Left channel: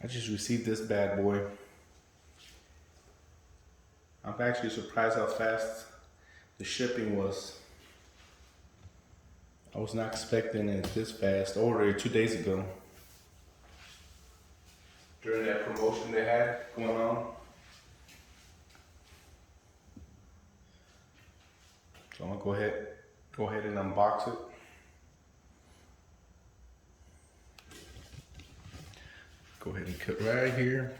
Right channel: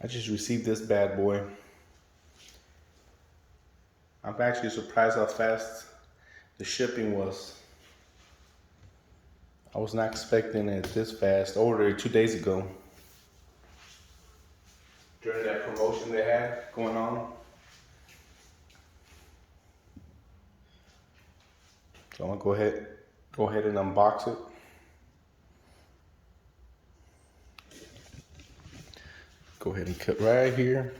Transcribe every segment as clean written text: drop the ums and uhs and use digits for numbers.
I just received this bad boy. I'm actually surprised how fast the shipping was. I was not expecting it this fast. I ordered it 2 days ago. During that promotion they had going on. So I'm gonna go ahead and unbox it. Go ahead and cut right here.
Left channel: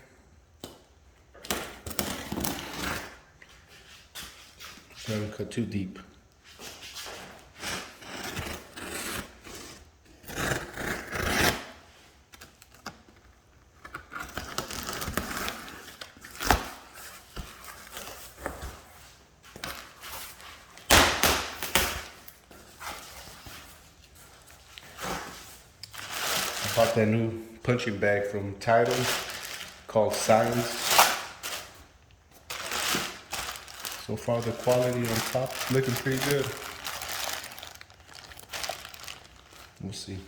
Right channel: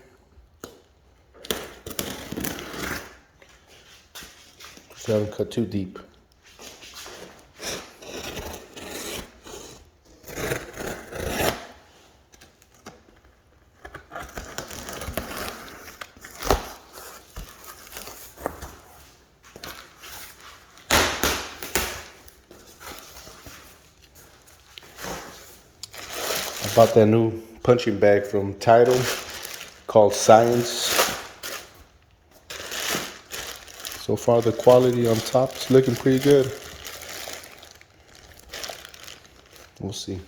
So don't cut too deep. I bought that new punching bag from Tidal called Scyntz. So far the quality on top is looking pretty good. We'll see.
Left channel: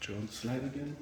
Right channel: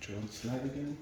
Turn on the slide again.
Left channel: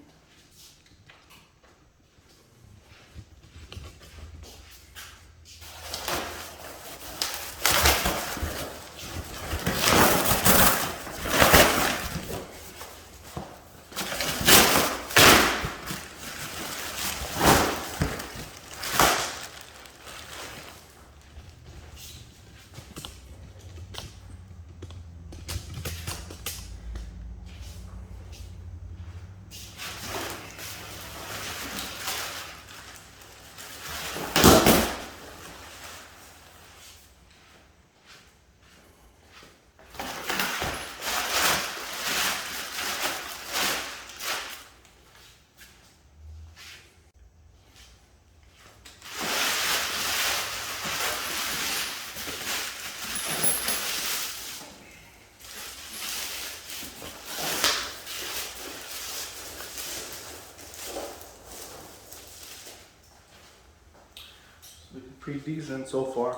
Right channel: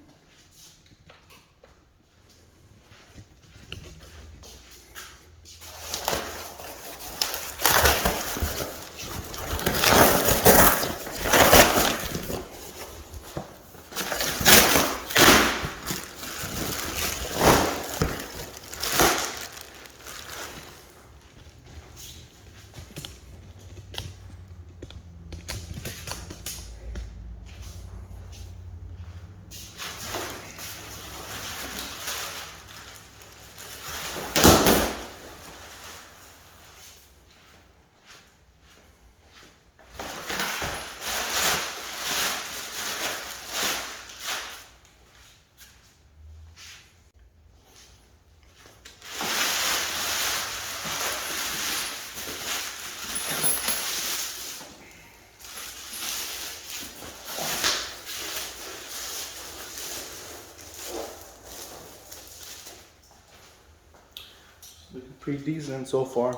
Looking pretty decent so far.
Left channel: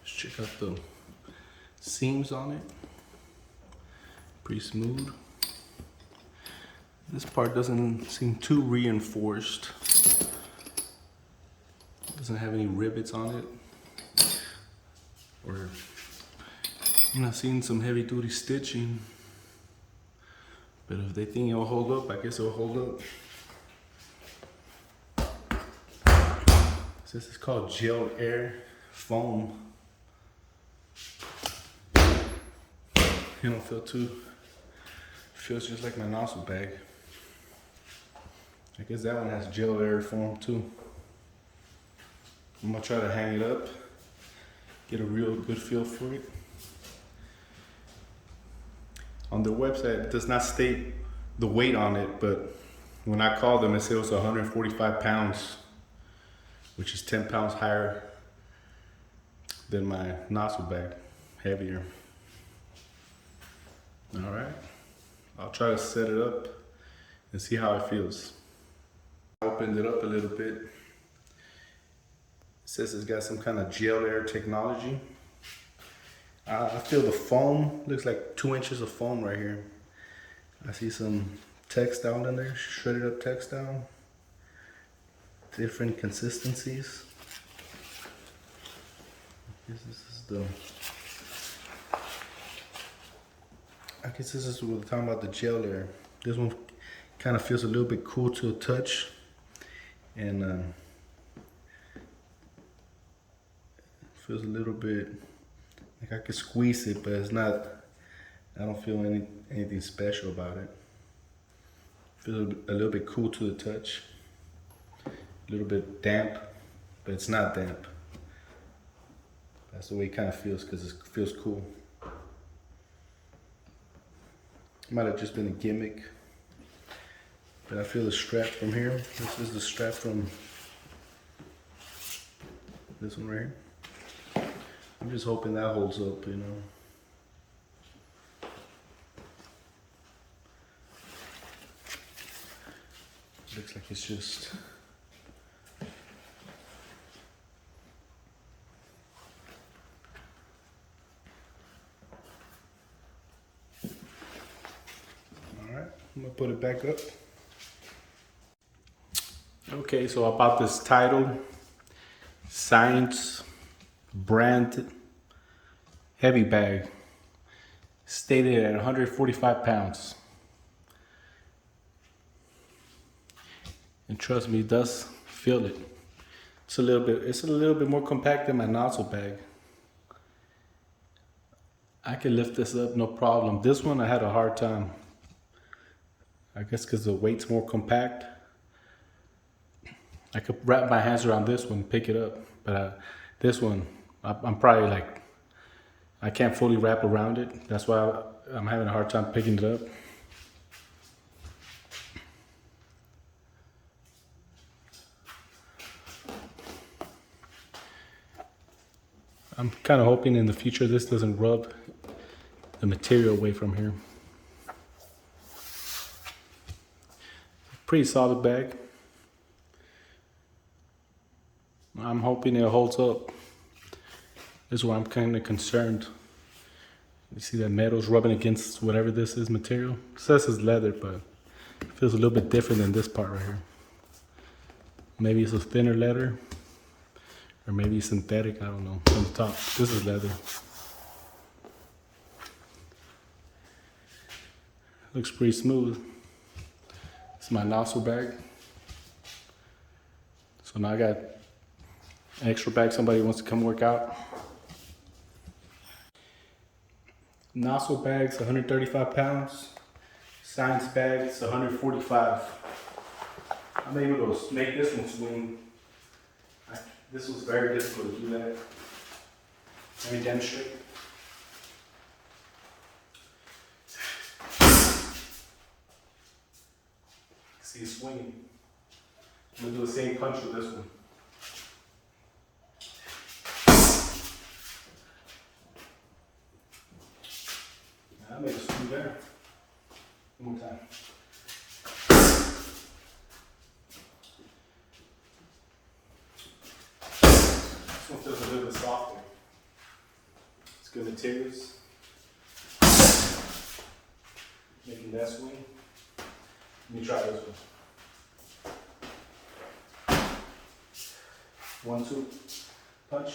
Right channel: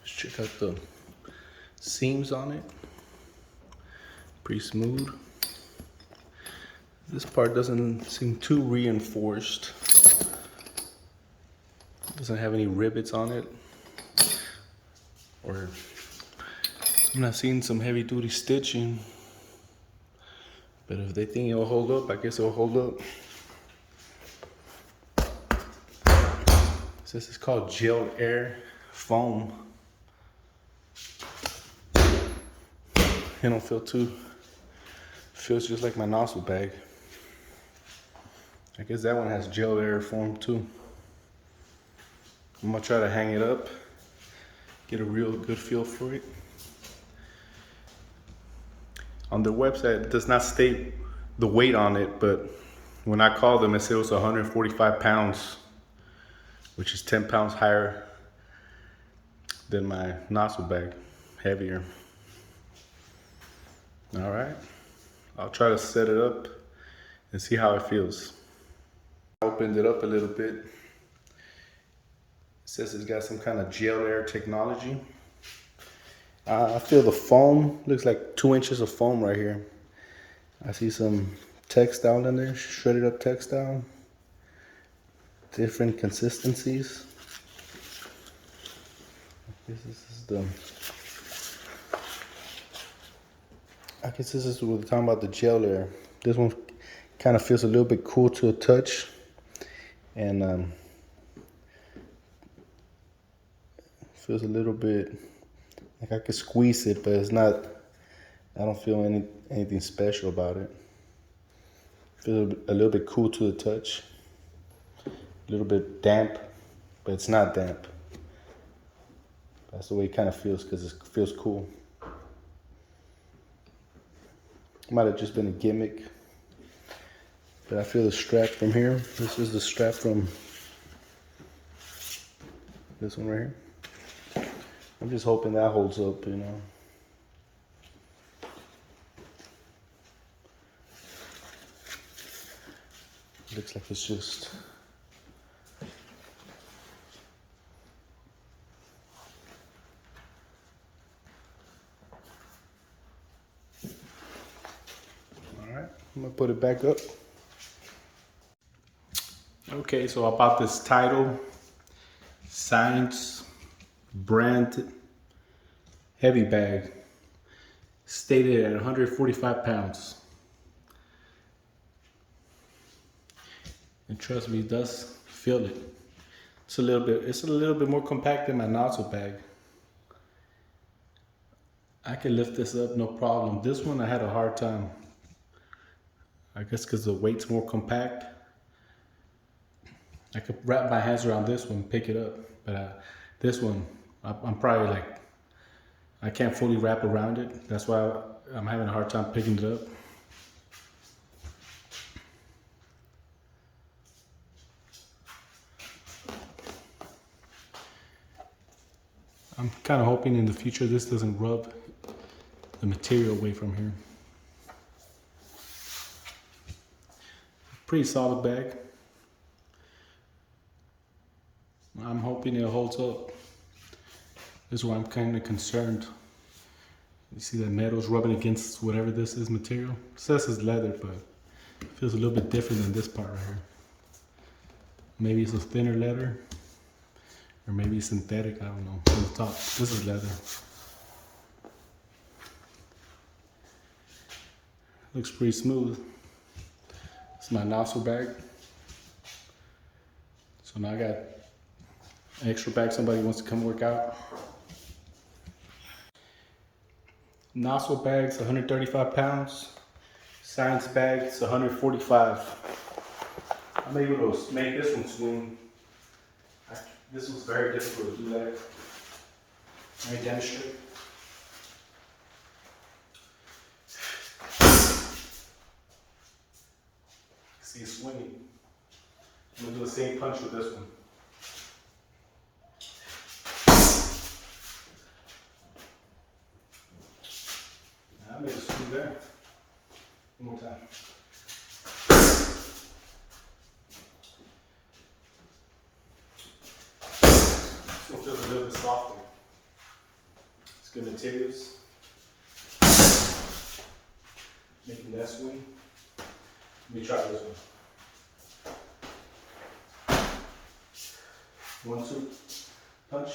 Let's check out the seams on it. Pretty smooth. This part doesn't seem too reinforced. Doesn't have any rivets on it. Or I'm not seeing some heavy duty stitching. But if they think it'll hold up, I guess it'll hold up. This is called gel air foam. It don't feel too, feels just like my Nazo bag. I guess that one has gel air foam too. I'm gonna try to hang it up, get a real good feel for it. On the website, it does not state the weight on it, but when I called them, it said it was 145 pounds, which is 10 pounds higher than my Nazo bag, heavier. All right, I'll try to set it up and see how it feels. I opened it up a little bit. It says it's got some kind of gel air technology. I feel the foam, looks like 2 inches of foam right here. I see some textile in there, shredded up textile. Different consistencies. This is the, I guess this is what we're talking about, the gel air. This one kind of feels a little bit cool to a touch. And feels a little bit like I could squeeze it, but it's not, I don't feel anything special about it. Feels a little bit cool to the touch. A little bit damp, but it's not damp. That's the way it kind of feels because it feels cool. Might have just been a gimmick. But I feel the strap from here. This is the strap from this one right here. I'm just hoping that holds up, you know. Looks like it's just all right. I'm gonna put it back up. Okay, so I bought this title, Scyntz brand heavy bag, stated at 145 pounds. And trust me, it does feel it. It's a little bit more compact than my Nazo bag. I can lift this up no problem. This one I had a hard time. I guess because the weight's more compact. I could wrap my hands around this one, pick it up, but this one, I'm probably like, I can't fully wrap around it. That's why I'm having a hard time picking it up. I'm kind of hoping in the future this doesn't rub the material away from here. Pretty solid bag. I'm hoping it holds up. This is why I'm kind of concerned. You see that metal's rubbing against whatever this is material. It says it's leather, but it feels a little bit different than this part right here. Maybe it's a thinner leather, or maybe synthetic, I don't know. On the top, this is leather. Looks pretty smooth. It's my Nazo bag. So now I got an extra bag, somebody wants to come work out. Nazo bag's 135 pounds. Scyntz bag's 145. I'm able to make this one swing. This was very difficult to do that. Let me demonstrate. See it swinging. I'm gonna do the same punch with this one. I made a swing there. One more time. This one feels a little bit softer. It's good materials. Making that swing. Let me try this one. 1, 2, punch.